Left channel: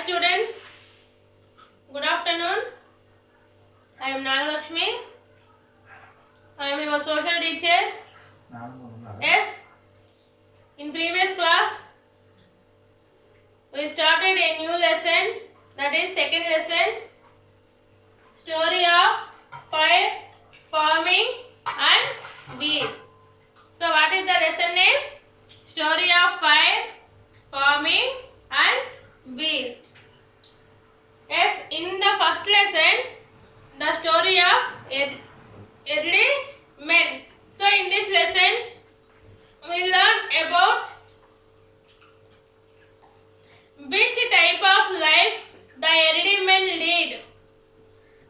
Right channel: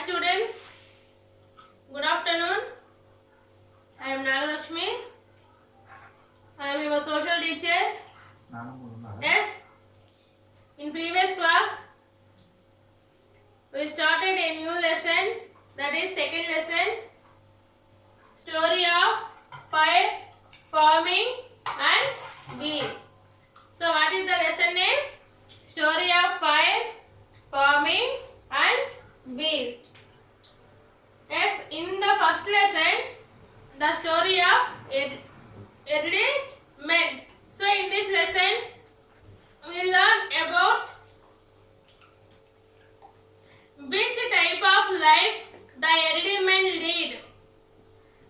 Hi students, good afternoon. I am Nagalakshmi. I am your social teacher. Yes, in previous class we started a new lesson, that is second lesson, story of fire, farming and bee. So what is the lesson name? Story of fire, farming and bee. Yes, in the first lesson, the story of early men. So in this lesson, we learn about which type of life the early men lead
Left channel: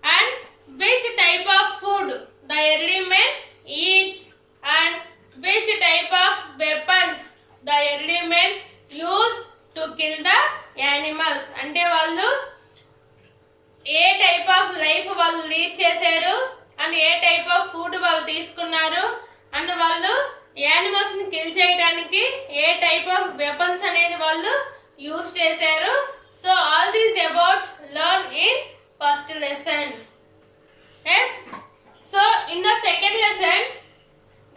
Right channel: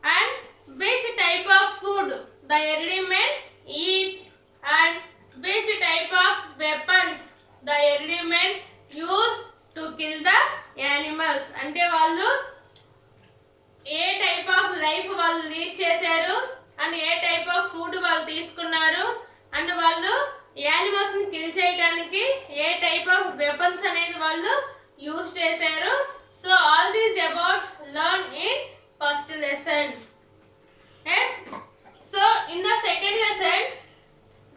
and which type of food the early men eat and which type of weapons the early men use to kill the animals. అంటే వాళ్ళు ఏ type of life వాళ్ళు lead చేశారు and A type of food వాళ్ళు తీసుకున్నారు and వాళ్ళు animals ని kill చేయడానికి ఏ type of weapons అనేది వాళ్ళు యూజ్ చేశారు. So all these about learn in first lesson. Yes, so in the second lesson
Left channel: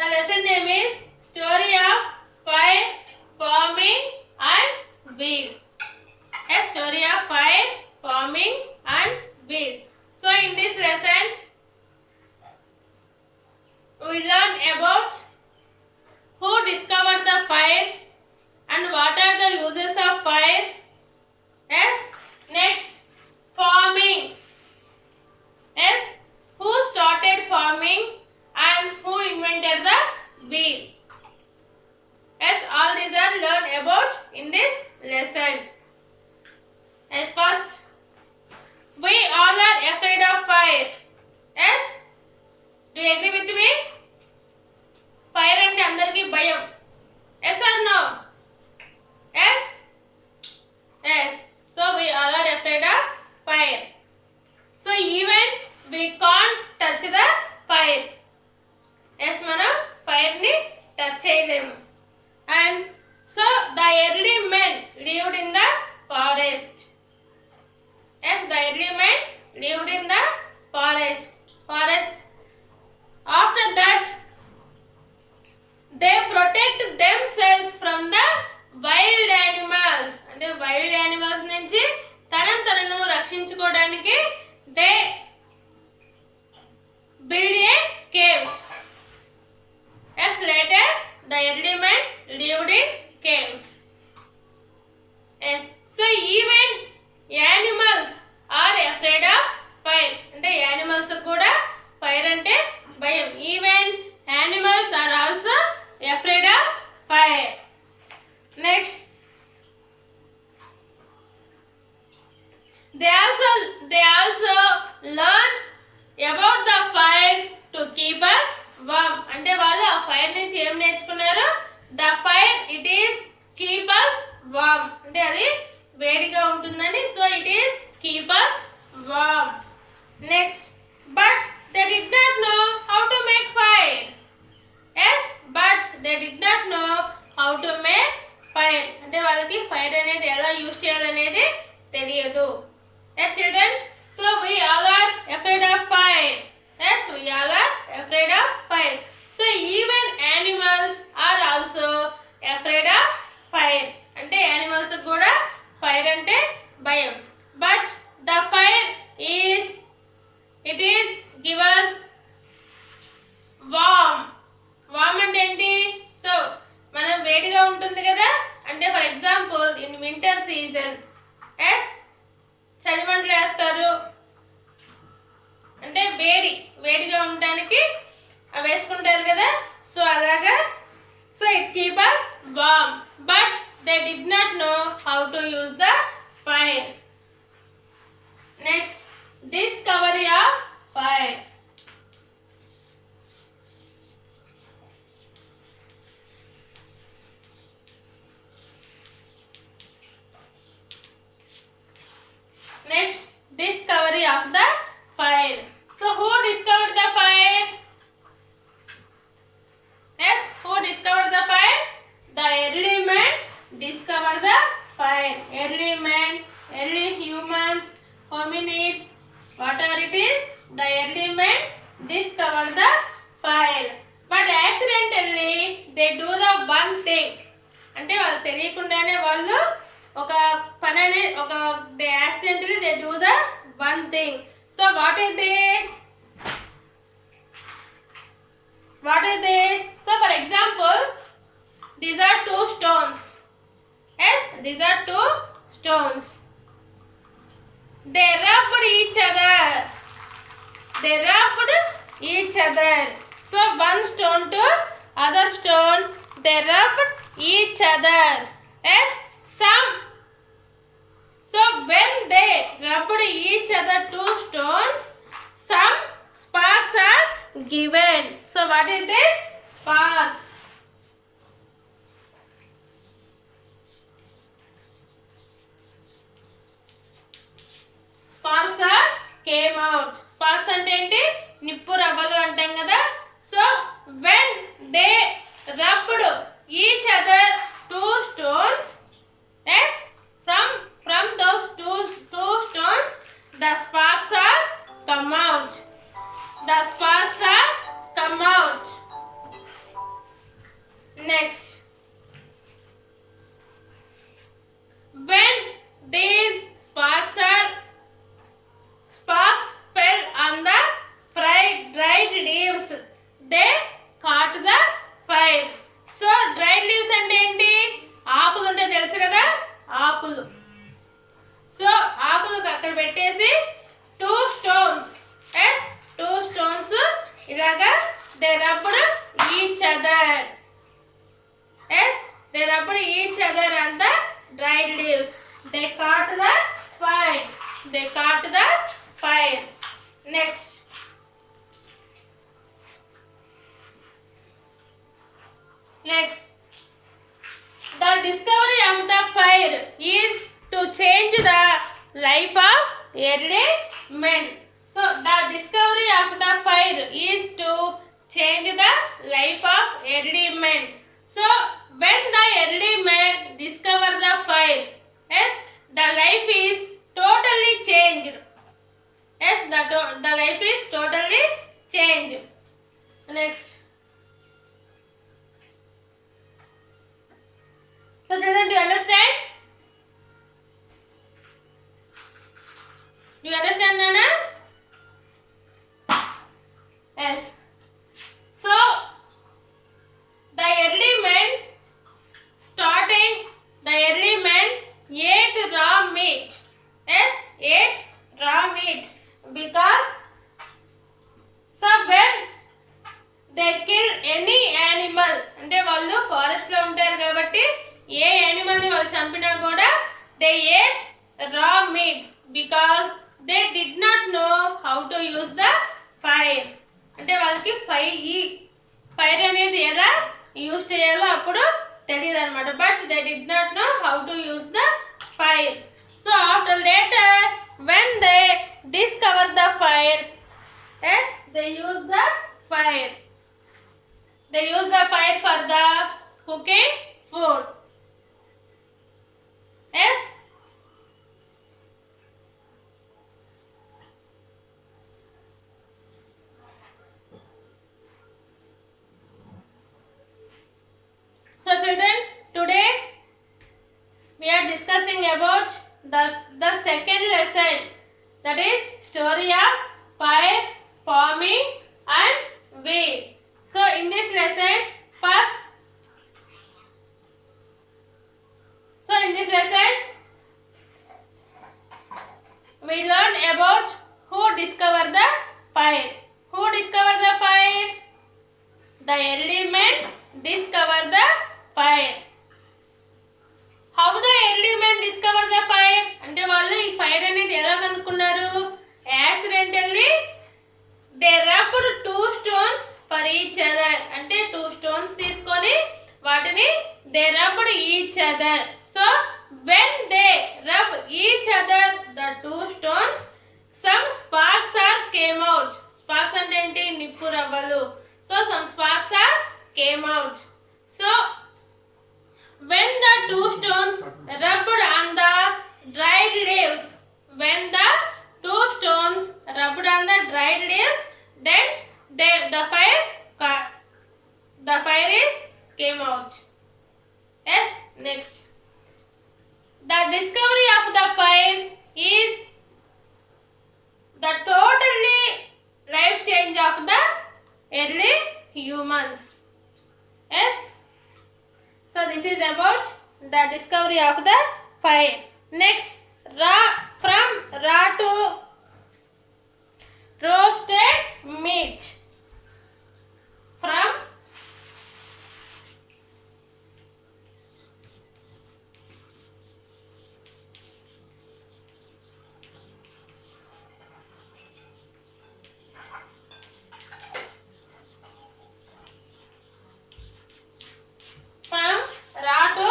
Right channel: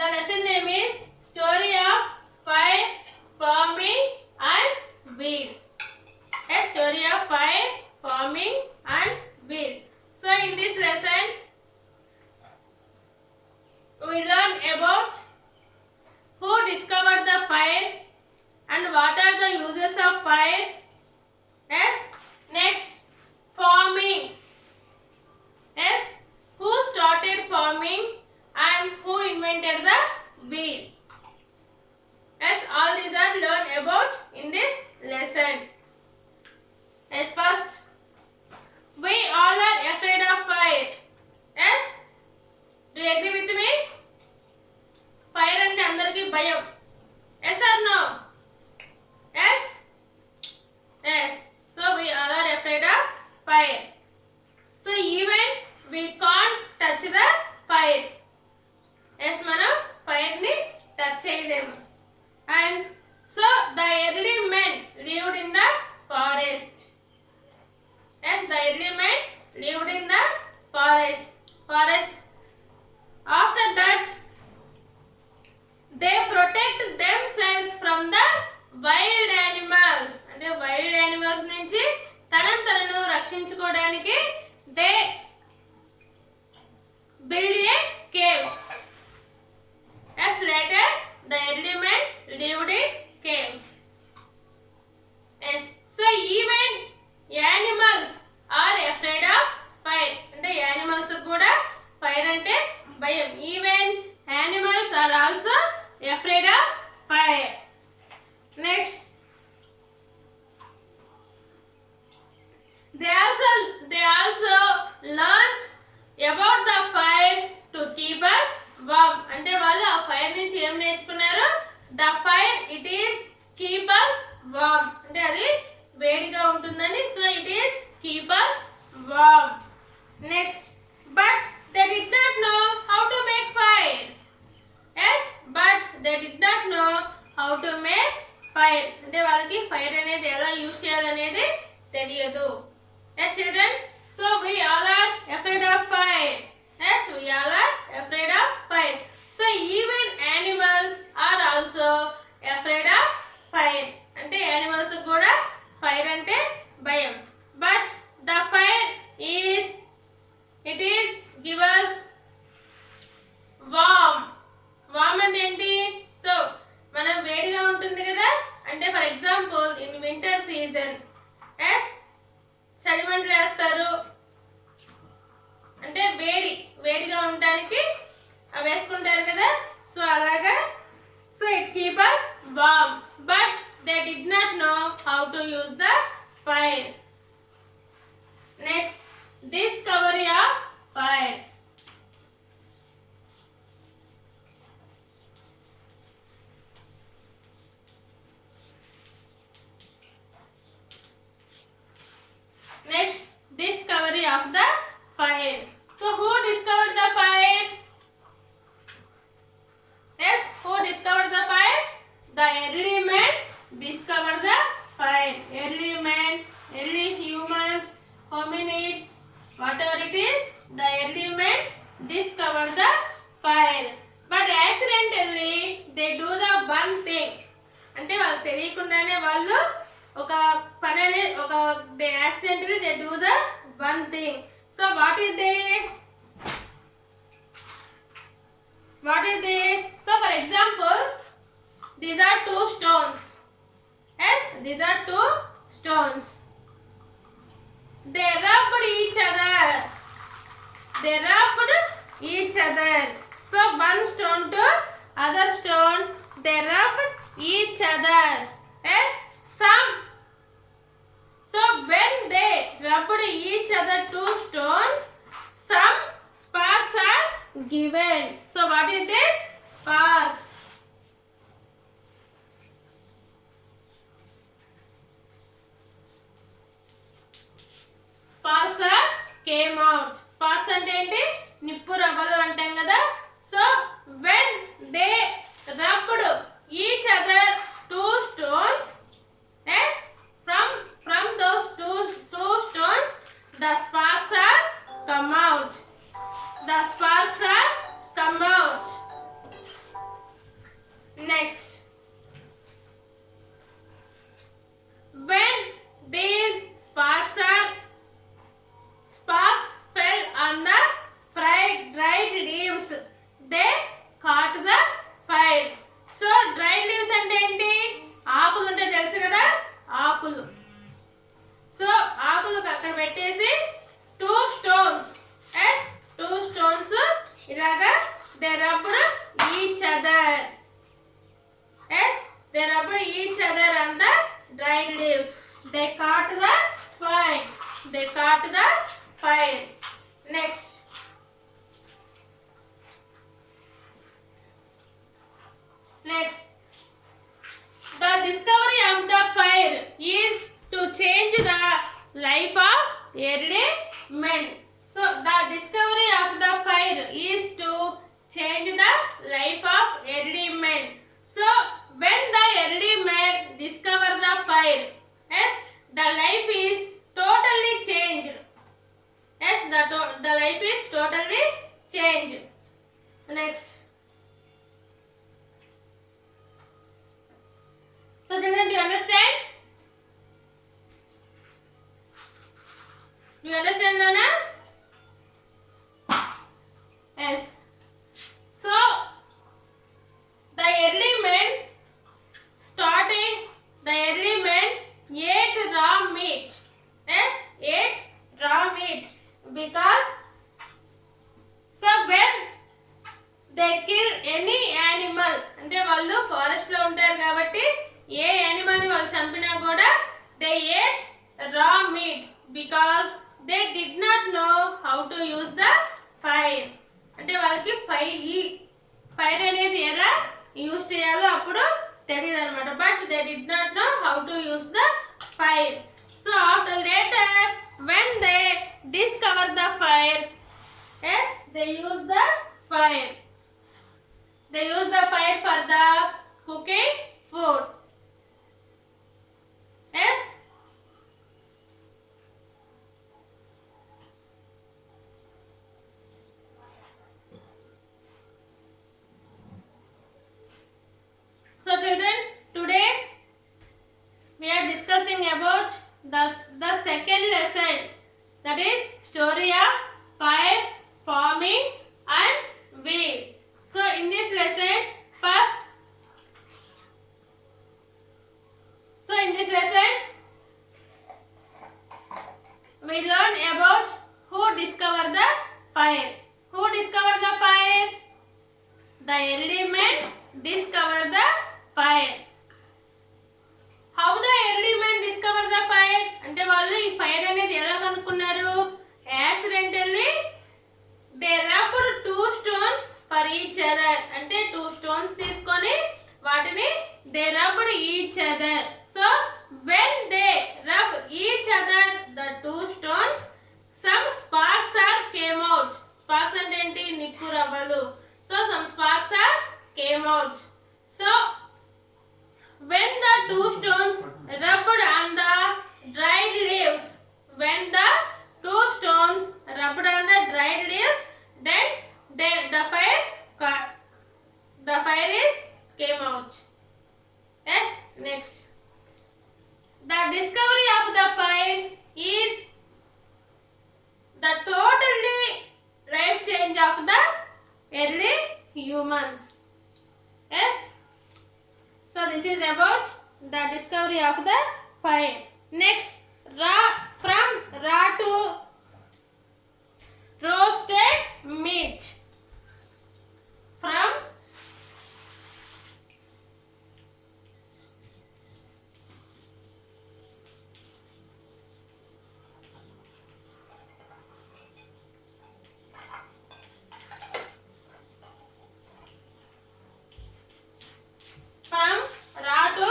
the lesson name is story of fire, farming and bee. Yes, story of fire, farming and bee. So in this lesson we learn about who discovered the fire and what are the uses of fire. Yes, next farming. Yes, who started farming and who invented the bee. Yes, all these are learned about in this lesson. Yes, first, we all are afraid of fire. Yes, do you agree with me? Fire ante andariki bhayam. Yes or no? Yes, yes. So we all are afraid of fire. So even we can't touch the fire. Yes, manam fire ni touch cheyalemu. And so the early men lived in the forest. Yes, the early men lived in the forest. After that, they protect themselves from the wild animals. అంటే wild animals నుంచి తనను రక్షించుకోవడానికి they build a caves. Yes, later the early men lived in caves. Yes, so even animals are afraid of fire. అంటే animals కూడా fire అంటే భయం. Even animals are also afraid of fire. Next, they also learned about the fire to keep us warm. అంటే వాళ్ళు ఆ fire నుంచి ఏం నేర్చుకున్నారు? The fire, it is keep us warm. అంటే అది వేడిగా ఉంటుందని. So it is keep us warm. Next, but they did not know how to make fire. Yes, but they did not know how to make fire. అంటే వాళ్ళకి fire అనేది ఎలా use చేయాలనేది తెలియదు. Yes children, so we all are afraid of fire. Yes, we all are afraid of fire. So even animals are also afraid of fire. అంటే animals కూడా fire అంటే భయం. But the fire is it is give us warm. Warm అంటే ఏంటి? So మనం వేడిగా ఉంటుంది కదా, అంటే for example in winter season, yes, చలిమంటలు వేస్తారు అంటే వేడిగా ఉండడానికి అవి వేసుకుంటారు కదా. సో అలాగా, so it keep us warm. But they did not know how to use the fire. Next, discovery of fire. Next, discovery of the fire. So who discovered the fire? Yes, who discovered the fire? The early men discovered the fire. early men, early humans, hominids, whatever it is, the early men discover the fire. But accidentally they do the one thing. అంటే వాళ్ళు తెలియకుండానే వాళ్ళు ఒక పని అనే ఒక they accidentally they do the one thing. So what is this? What is this? So for example, these are two stones. Yes, these are two stones. They rubbed each other. They rubbed each other. So one stone to other stone, they rubbed each other. Yes, some. So when they rubbed each other two stones, some sparks are given. So what is this? Sparks. Sparks are came out. Sparks అంటే ఏంటి? నిప్పు రవ్వలు అంటాం కదా. So when they rubbed each other two stones, yes, from those two stones the sparks are come out. The sparks are come out. Next, when these sparks fell on the dried leaves, they caught the fire. So dried leaves అంటే ఏంటి? ఆకులు ఉంటే తెలుసు కదా, ఆకులు. So ఆకులు అక్కడ పెట్టేసి two stones, yes, two stones ఇలాగా they rubbed each other. Yes, they rubbed each other on the dried leaves. They caught the fire. They caught the fire. Next, the discovery of the fire is to change the life of early men. So the discovery of the fire is to change the life of early men. So when the early men discover the fire, yes, the life is totally changed. Yes, the life is totally changed. Next. So children, do you understand? Do you understand, Nana? Yes. So the early men ate raw meat. Yes, ate raw meat because so when they kill any animal, అంటే వాళ్ళు forest లో ఉంటారు కాబట్టి ఏ animal ని వాళ్ళు చంపినా కూడా they ate raw meat because they did not know how to use the fire. అంటే వాళ్ళకి ఫైర్ అనేది ఎలా యూజ్ చేయాలో అప్పుడు తెలియదు అనమాట. But they did not know how to use the fire. So after later when they discover the fire, yes, they use the fire. They use the fire for the cooking food. Yes. So children, today we are discussing about the second lesson, that is story of fire, farming and wheel. So in this lesson, we learn about who discovered the fire. Who discovered the fire? The early men discovered the fire. How the early men discovered the fire? అంటే వాళ్ళు ఈ fire అనేది ఎలా కనుక్కున్నారు? Accidentally they rubbed two stones for each other. అంటే two stones తీసుకొని వాటిని they rubbed each other. So when they rub each other the two stones, some sparks came out. Sparks అంటే ఏంటి? నిప్పు రవ్వలు. So some sparks came out. So when the two stones rubbed on the discovery of the fire is the totally life change of the early humans. Yes. So this is about the discovery of the fire. Next, from raw to roasted meat. From raw to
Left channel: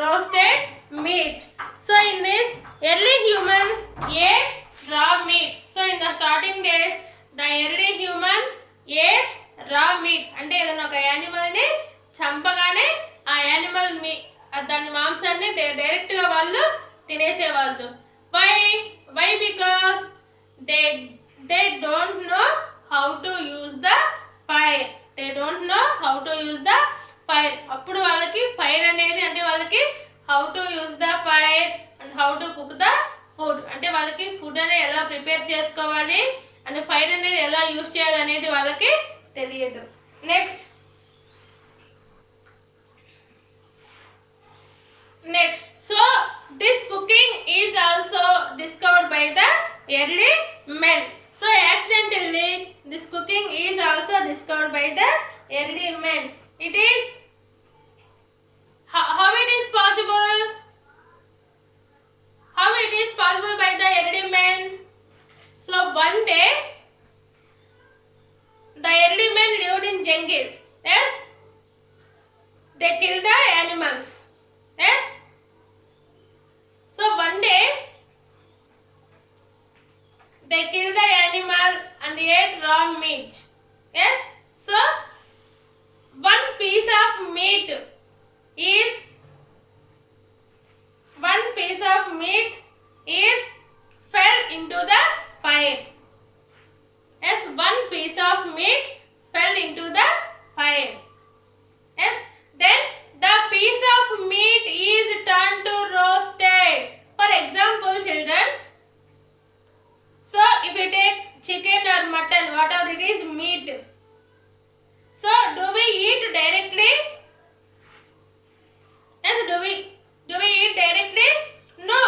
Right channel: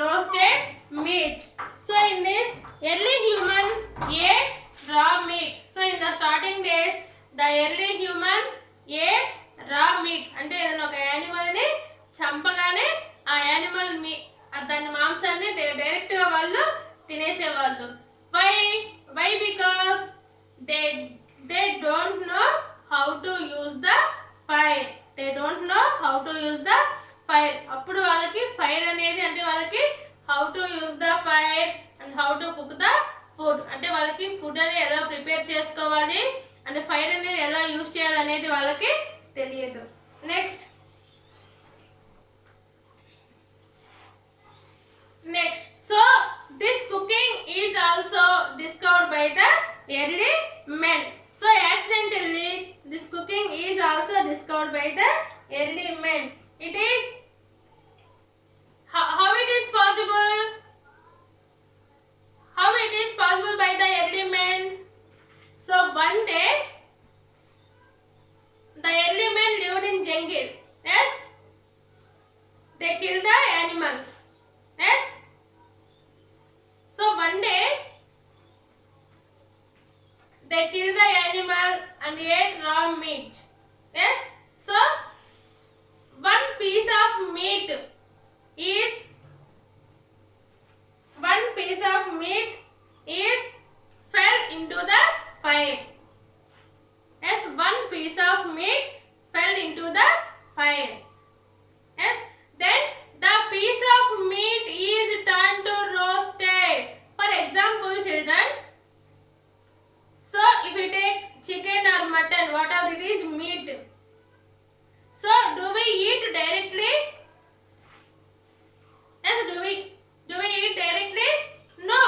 roasted meat. So in this, early humans ate raw meat. So in the starting days, the early humans ate raw meat. అంటే ఏదైనా ఒక animal ని చంపగానే ఆ animal దాని మాంసాన్ని direct గా వాళ్ళు తినేసేవాళ్ళు. Why because they don't know how to use the fire. They don't know how to use the fire. అప్పుడు వాళ్ళకి ఫైర్ అనేది అంటే వాళ్ళకి how to use the fire and how to cook the food. అంటే వాళ్ళకి ఫుడ్ అనేది ఎలా prepare చేసుకోవాలి అండ్ ఫైర్ అనేది ఎలా యూజ్ చేయాలి అనేది వాళ్ళకి తెలియదు. Next so this cooking is also discovered by the early men. So accidentally this cooking is also discovered by the early men. It is how it is possible? How it is possible by the early men? So one day the early men lived in jungle. Yes, they killed the animals. Yes, so one day they killed the animal and ate raw meat. Yes, so one piece of meat fell into the fire. Yes, one piece of meat fell into the fire. Yes, then the piece of meat is turned to roasted. For example, children, so if you take chicken or mutton, whatever it is, meat, so do we eat directly? Yes, do we eat directly? No.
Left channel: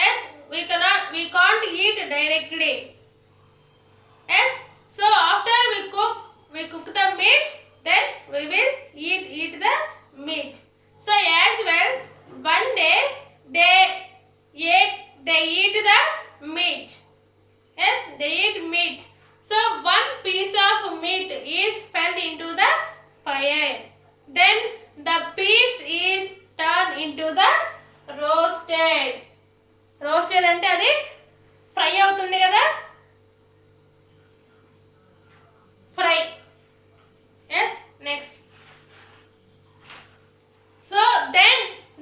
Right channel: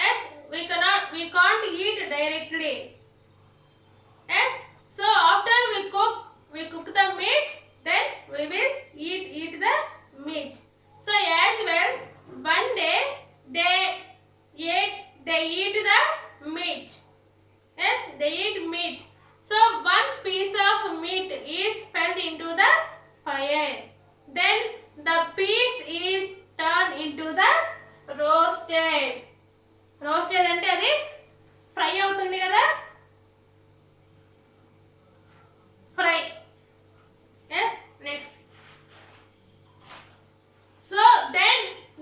Yes, we can't eat directly. Yes, so after we cook the meat, then we will eat the meat. So as well, one day they eat the meat. Yes, they eat meat. So one piece of meat is fell into the fire. Then the piece is turned into the roasted. Roasted అంటే అది fry అవుతుంది కదా, fry. Yes, next. So then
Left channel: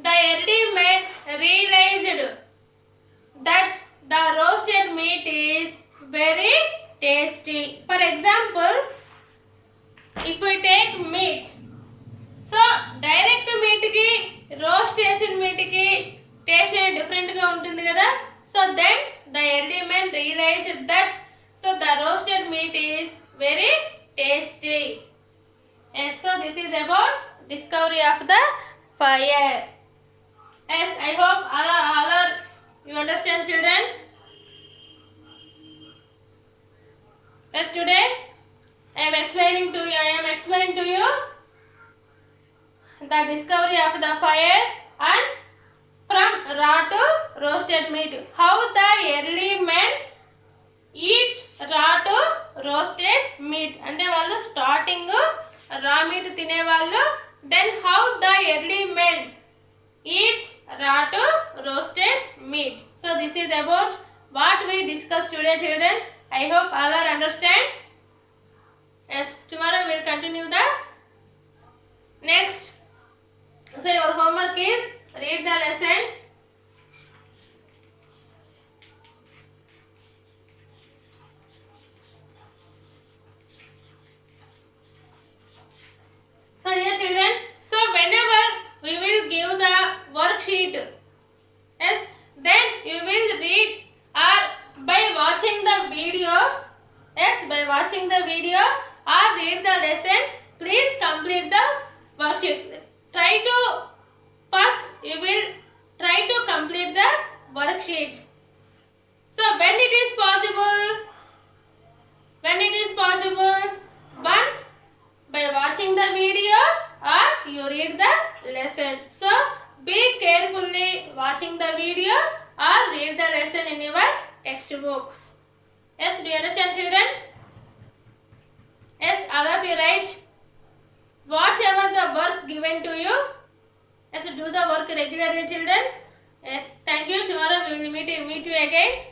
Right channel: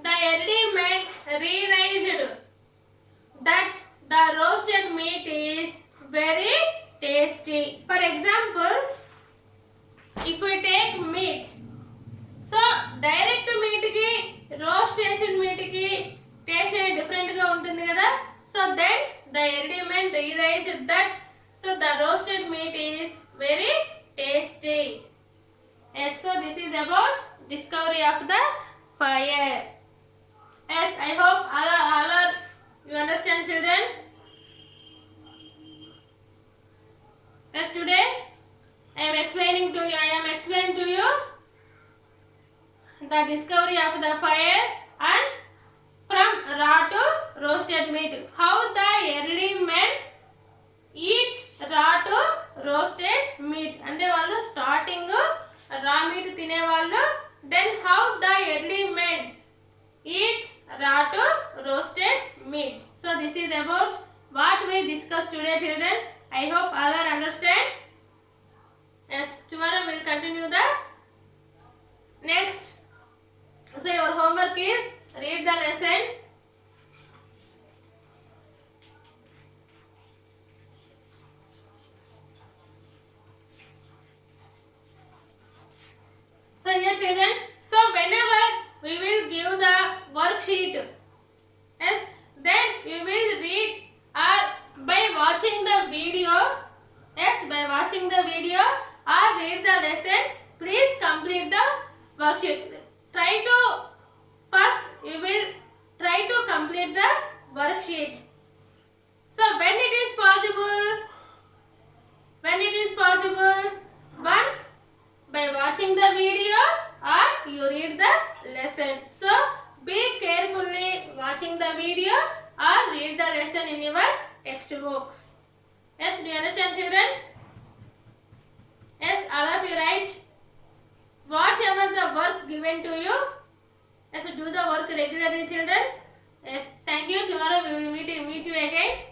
the early men realized that the roasted meat is very tasty. For example, if we take meat, so direct meat ki roast చేసిన meat ki taste different గా ఉంటుంది కదా. So then the early men realized that so the roasted meat is very tasty. Yes, so this is about discovery of the fire. Yes, I hope all are you understand, children. Yes, today I am explaining to you the discovery of the fire and from raw to roasted meat. How the early men eat raw to roasted meat. అంటే వాళ్ళు starting రా meet తినేవాళ్ళు. Then how the early men eat raw to roasted meat. So this is about what we discussed today, children. I hope all are understand. Yes, tomorrow we will continue the next. So your homework is read the lesson. So yes, children, so whenever we will give the worksheet, yes, worksheet. Try to first you will try to complete the worksheet. So when it is possible, once by watching the video or you read the lesson. So be carefully watching the video or read the lesson in your textbooks. Yes, do you understand, children? Yes, all of you right. Whatever the work given to you, yes, do the work regularly, children. Yes, thank you. Tomorrow we will meet you again.